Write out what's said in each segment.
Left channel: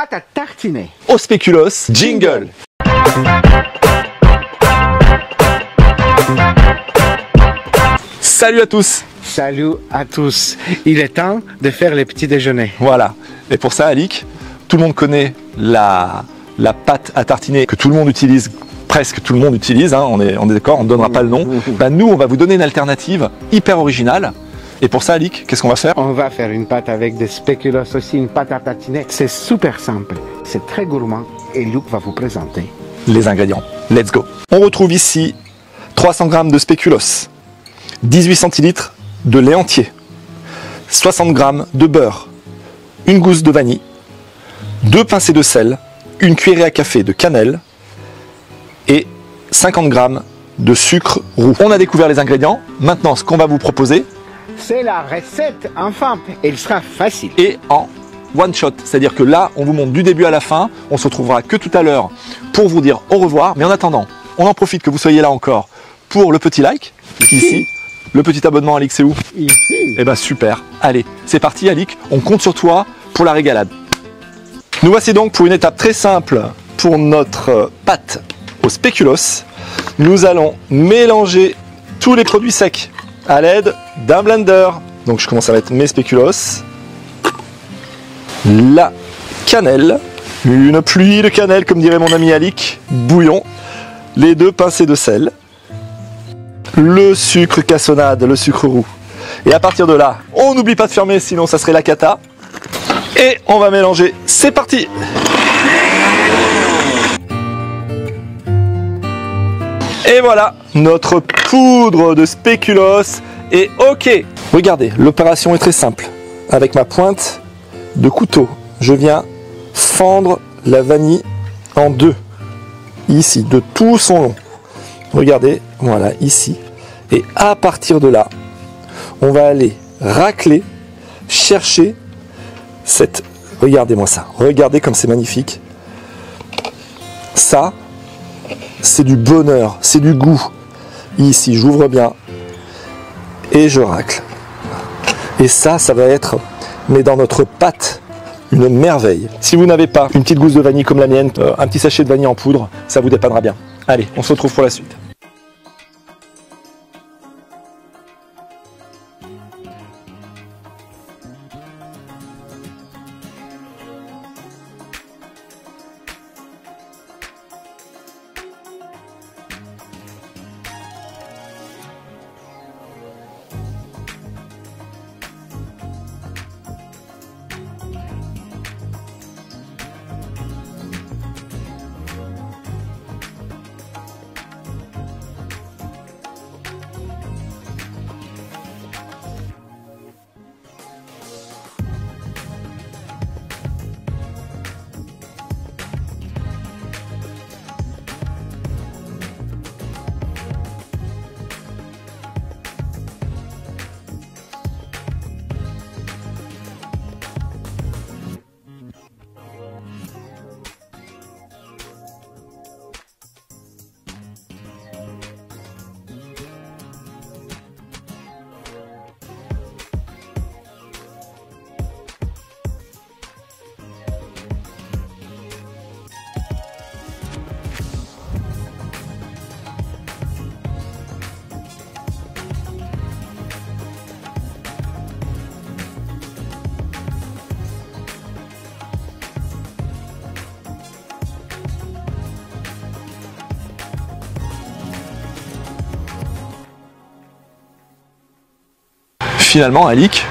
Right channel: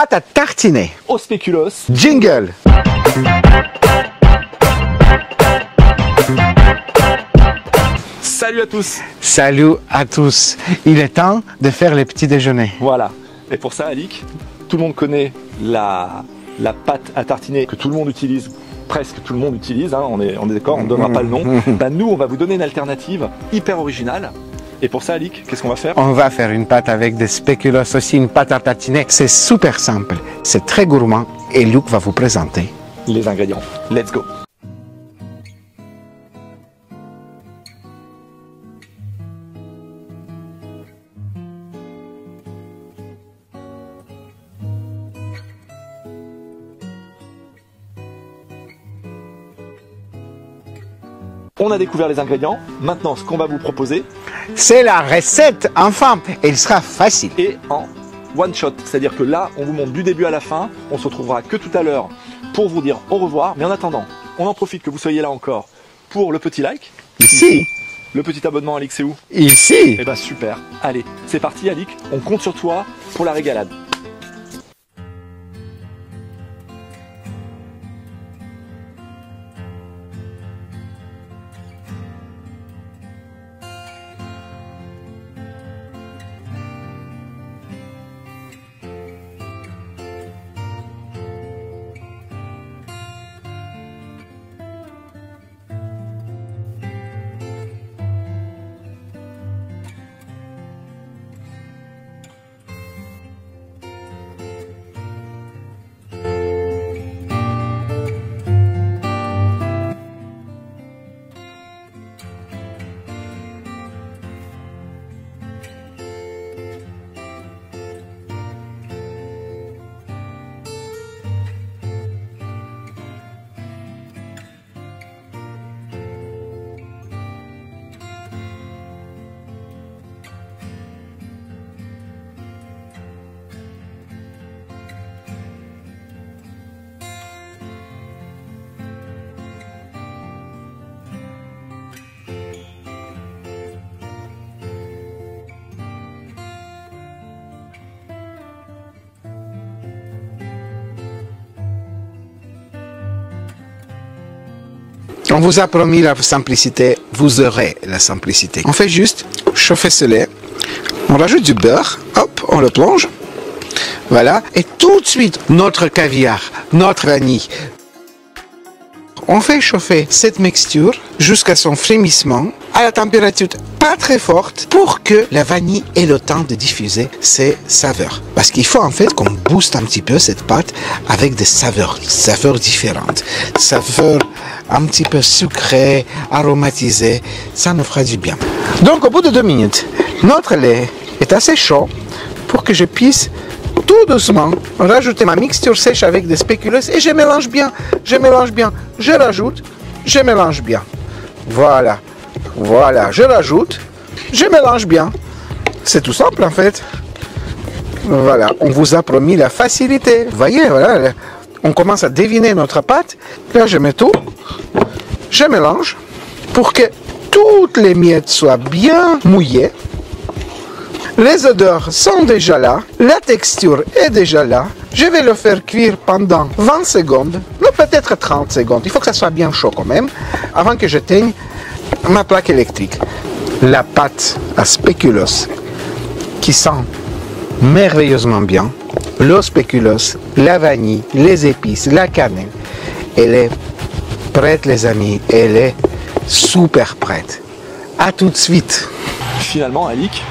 pâte à tartiner au spéculoos. jingle. Salut à tous. Salut à tous. Il est temps de faire les petits déjeuners. Voilà. Et pour ça, Alix, tout le monde connaît la pâte à tartiner que tout le monde utilise, presque tout le monde utilise, hein, on est d'accord, on ne donnera pas le nom. Bah, nous, on va vous donner une alternative hyper originale. Et pour ça, Alix, qu'est-ce qu'on va faire? On va faire une pâte avec des spéculoos aussi, une pâte à tartiner. C'est super simple, c'est très gourmand et Luc va vous présenter les ingrédients. Let's go. On retrouve ici 300 g de spéculoos, 18 centilitres de lait entier, 60 g de beurre, une gousse de vanille, 2 pincées de sel, une cuillerée à café de cannelle et 50 g de sucre roux. On a découvert les ingrédients. Maintenant, ce qu'on va vous proposer, c'est la recette, enfin, et il sera facile. Et en one shot, c'est-à-dire que là, on vous montre du début à la fin. On se retrouvera que tout à l'heure pour vous dire au revoir. Mais en attendant, on en profite que vous soyez là encore pour le petit like. Ici. Le petit abonnement, Alix, c'est où? Ici. Eh ben super. Allez, c'est parti, Alix. On compte sur toi pour la régalade. Nous voici donc pour une étape très simple pour notre pâte au spéculoos. Nous allons mélanger tous les produits secs à l'aide d'un blender. Donc je commence à mettre mes spéculoos, la cannelle, une pluie de cannelle comme dirait mon ami Alix, bouillon, les 2 pincées de sel, le sucre cassonade, le sucre roux. Et à partir de là, on n'oublie pas de fermer sinon ça serait la cata. Et on va mélanger, c'est parti! Et voilà, notre poudre de spéculoos est OK. Regardez, l'opération est très simple. Avec ma pointe de couteau, je viens fendre la vanille en 2. Ici, de tout son long. Regardez, voilà, ici. Et à partir de là, on va aller racler, chercher cette... Regardez-moi ça. Regardez comme c'est magnifique. Ça, c'est du bonheur, c'est du goût. Ici, j'ouvre bien et je racle. Et ça va être, mais dans notre pâte, une merveille. Si vous n'avez pas une petite gousse de vanille comme la mienne, un petit sachet de vanille en poudre, ça vous dépannera bien. Allez, on se retrouve pour la suite. On vous a promis la simplicité, vous aurez la simplicité. On fait juste chauffer ce lait, on rajoute du beurre, hop, on le plonge. Voilà, et tout de suite, notre caviar, notre vanille. On fait chauffer cette mixture jusqu'à son frémissement à la température pas très forte pour que la vanille ait le temps de diffuser ses saveurs. Parce qu'il faut en fait qu'on booste un petit peu cette pâte avec des saveurs différentes. Saveurs un petit peu sucrées, aromatisées, ça nous fera du bien. Donc au bout de 2 minutes, notre lait est assez chaud pour que je puisse tout doucement rajouter ma mixture sèche avec des spéculoos et je mélange bien, je rajoute, je mélange bien. Voilà, je rajoute, je mélange bien. C'est tout simple en fait. Voilà, on vous a promis la facilité. Vous voyez, voilà, on commence à deviner notre pâte. Là, je mets tout, je mélange pour que toutes les miettes soient bien mouillées. Les odeurs sont déjà là, la texture est déjà là. Je vais le faire cuire pendant 20 secondes, ou peut-être 30 secondes. Il faut que ça soit bien chaud quand même, avant que j'éteigne ma plaque électrique. La pâte à spéculoos, qui sent merveilleusement bien, le spéculoos, la vanille, les épices, la cannelle, elle est prête les amis, elle est super prête. À tout de suite. Finalement, Alix,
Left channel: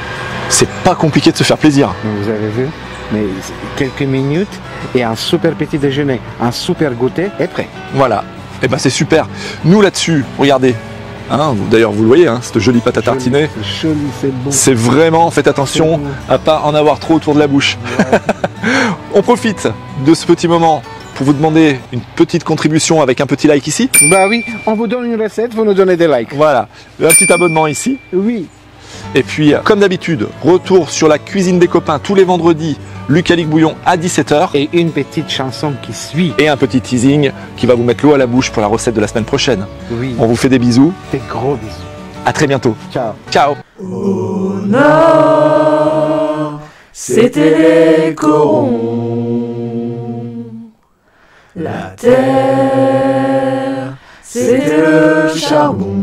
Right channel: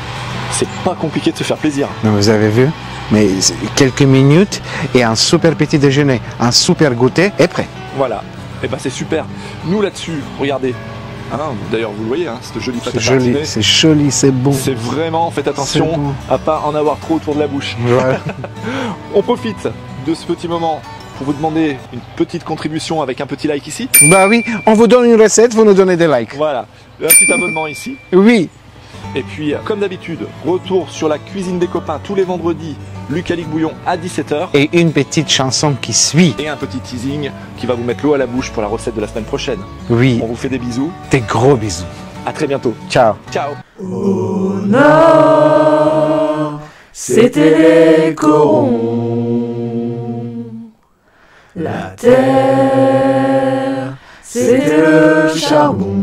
c'est pas compliqué de se faire plaisir. Vous avez vu? Mais quelques minutes et un super petit déjeuner, un super goûter est prêt. Voilà. Et ben c'est super. Nous là-dessus, regardez. Hein, d'ailleurs, vous le voyez, hein, cette jolie pâte à tartiner. C'est joli, c'est beau. C'est vraiment, faites attention à pas en avoir trop autour de la bouche. Ouais. On profite de ce petit moment pour vous demander une petite contribution avec un petit like ici. Bah oui, on vous donne une recette, vous nous donnez des likes. Voilà, un petit abonnement ici. Oui. Et puis, comme d'habitude, retour sur la cuisine des copains tous les vendredis, Luc Alix Bouillon à 17 h. Et une petite chanson qui suit. Et un petit teasing qui va vous mettre l'eau à la bouche pour la recette de la semaine prochaine. Oui. On vous fait des bisous. Des gros bisous. À très bientôt. Ciao. Ciao. Au nord, c'était les corons. terre, c'était le charbon.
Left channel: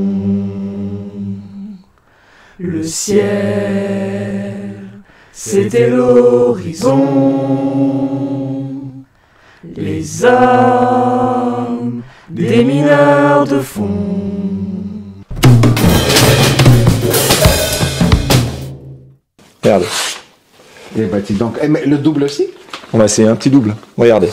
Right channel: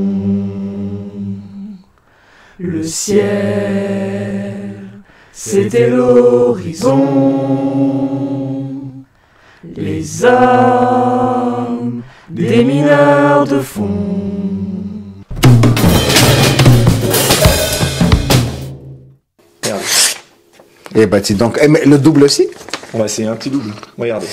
Le ciel, c'était l'horizon. Les âmes des mineurs de fond. Regardez. Et bah, donc, mais le double aussi? On va essayer un petit double. Regardez.